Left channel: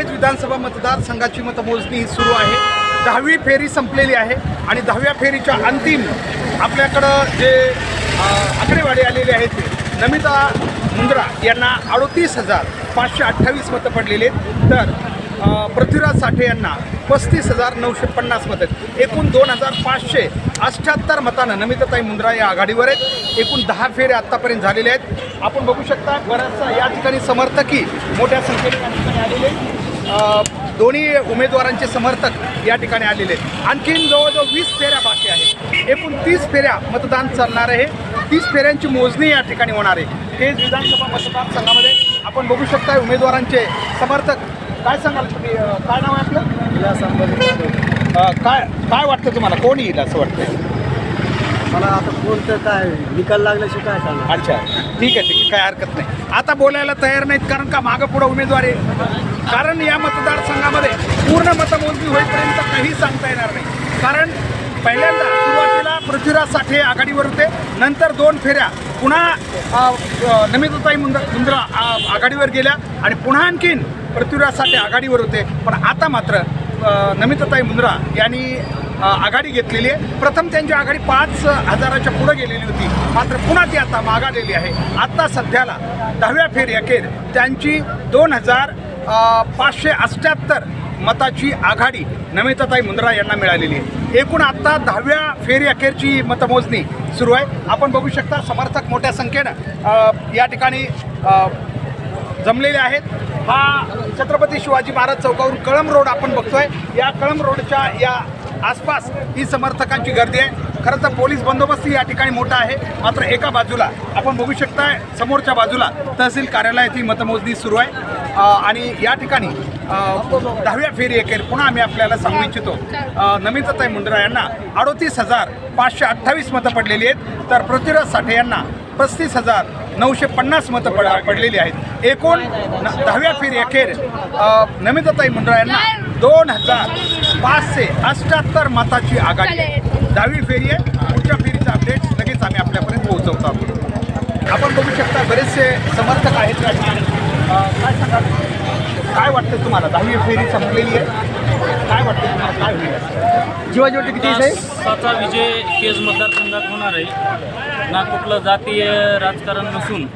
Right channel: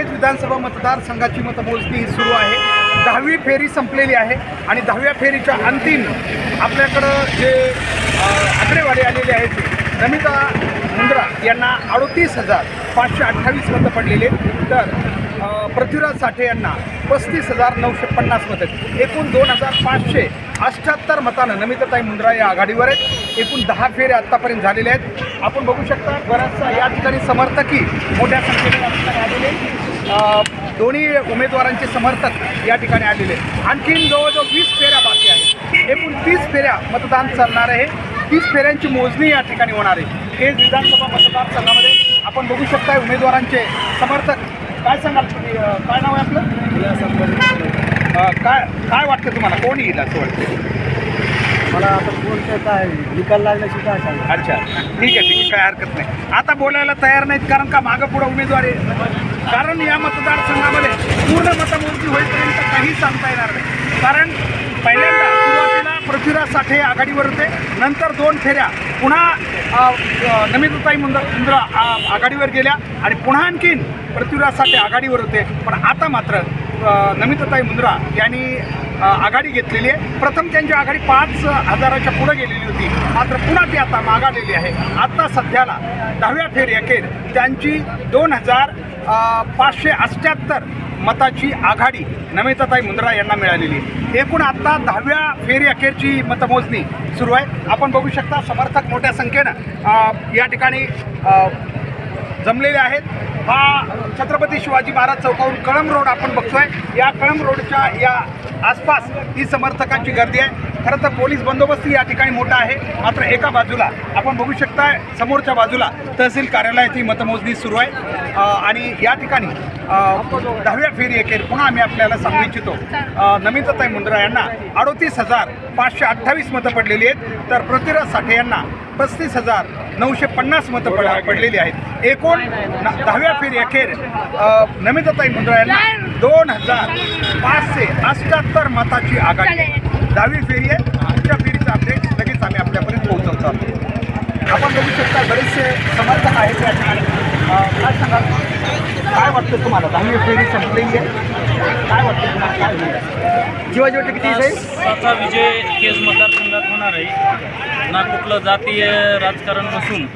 विधानसभा मतदारसंघाची मतमोजणी सुरू आहे. दहावी फेरी संपलेली आहे आणि दहाव्या फेरीच्या अंतिम आपल्याकडं जे आकडेवाडी आकडेवारी आलेले आहेत ते नमिता मुंद्रा यांना अडोतीस हजार पाचशे अठ्ठावीस मतं पडलेले आहेत. तर पृथ्वीराज साठे यांना पस्तीस हजार नऊशे पन्नास मतं एकूण दोन हजार पाचशे अठ्ठ्याहत्तर मतानं नमिताताई मुंद्रा या आघाडीवर आहेत. एकूण दहा फेरे आत्तापर्यंत झालेले आहेत. आपण बघू शकता बराचसा या ठिकाणी समर्थकही मोठ्या संख्येने या ठिकाणी आलेले दोन्ही उमेदवारांचे समर्थक या ठिकाणी आलेले आणखीन जवळजवळ वीस फेऱ्या बाकी आहेत. एकूण तीस फेऱ्या मतदान चालणार आहे. तीस फेऱ्यांची मोजणी या ठिकाणी होणार आहे. केज विधानसभा मतदारसंघामध्ये आपण बघू शकता उमेदवारांचे समर्थक. काय सांगाल तुम्ही? काय नाव आहे आपलं? अ, काय काय वाटतं तुम्हाला? कोण येईल असं वाटतं मला आता कोणतं काय निकाल लागल्याशी काय सांगा अच्छा ठीक आहे ठीक आहे काय हरकत नाही. आता बोलायला तयार नाहीत कारण का मागं पुढं उमेदवार आहे? कारण या मतदारसंघामध्ये पूर्ण मतमोजणी होईपर्यंत काही सांगता येणार नाही. कारण पहिल्यांदा सुरुवातीला पृथ्वीराज साठे आघाडीवर होते नंतर दोन फेऱ्या पुन्हा नमिताताई मुंद्रा मुंद्रा आघाडीवर गेल्या आणि पुन्हा आणखीन पृथ्वीराज साठे आघाडीवर होते. पण आता मात्र नमिताताई मुंद्रा यांनी आघाडी घेतलेली आहे. प्रथम त्यांची आघाडी पाच हजाराच्या पुढे गेलेली होती. मात्र पुन्हा ती आता मागालेली आहे. आता सध्याला दहाव्या फेरी अखेर त्यांची दोन हजार पाचशे अष्ट्याहत्तर मताची आघाडी नमिताताई मुंद्रा यांना मिळालेली आहे. एकूण आत्ता दहाव्या फेरी अखेरची मतमोजणी सुरू आहे. आपण बघू शकता समर्थक मोठ्या संख्येनं या ठिकाणी जमलेले आहेत. हा छत्रपती शिवाजी महाराज चौकावरून कळम रोड आपण बघतोय. या कळम रोडच्या या आसपास ही समर्थकांची गर्दी आहे. खरं तर पोलीस बंदोबस्त या ठिकाणी मोठा आहे. मात्र एका बाजूला आपण बघू शकता समोरच्या बाजूला तहसील कार्यालयात ही मतमोजणी सुरू आहे. आणि या ठिकाणी दहाव्या फेरी अखेर पुन्हा आम्ही आपल्याला सांगू इच्छितो. नमिताताई मुंद्रा यांना अडोतीस हजार पाचशे अठ्ठावीस मतं पडलेली आहेत. तर पृथ्वीराज साठे यांना पस्तीस हजार नऊशे पन्नास मतं पड पडलेली आहेत. एकूण दहाव्या फेरी अखेर नमिताताई मुंद्रा यांना दोन हजार पाचशे अठ्ठ्याहत्तर मताची आघाडी दहावी फेरी आहे. पुढच्या फेरीचा अपडेट लगेच आम्ही आपल्यापर्यंत पोहोचवतो. आपण. बघू शकता बरेचसे समर्थक आहेत या ठिकाणी. काय सांगाल? काय वाटतं तुम्हाला? दहावी फेरी संपलेली आहे. काय वाटतं तुम्हाला? काय होईल? किती साचा विजय केज मतदारसंघात होणार आहे. ना कुठलं जातीय राजकारण नसून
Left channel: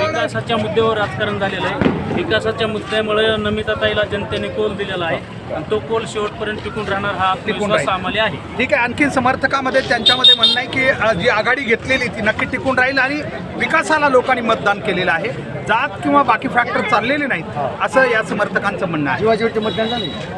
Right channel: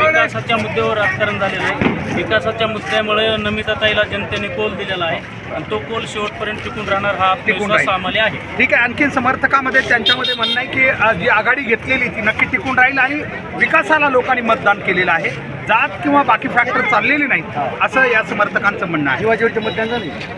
विकासाच्या मुद्द्यावर राजकारण झालेलं आहे. विकासाच्या मुद्द्यामुळे नमिताताईला जनतेने कोल दिलेला आहे. आणि तो कोल शेवटपर्यंत टिकून राहणार हा टिकून विश्वास राहील. आम्हाला आहे. ठीक आहे आणखीन समर्थकामध्ये त्यांच्यामध्ये म्हणणं आहे की अ, जी आघाडी घेतलेली ती नक्की टिकून राहील आणि विकासाला लोकांनी मतदान केलेलं आहे. जात किंवा बाकी फॅक्टर चाललेले नाहीत असं या समर्थकांचं म्हणणं आहे. शिवाजीवरचे मतदान झाले.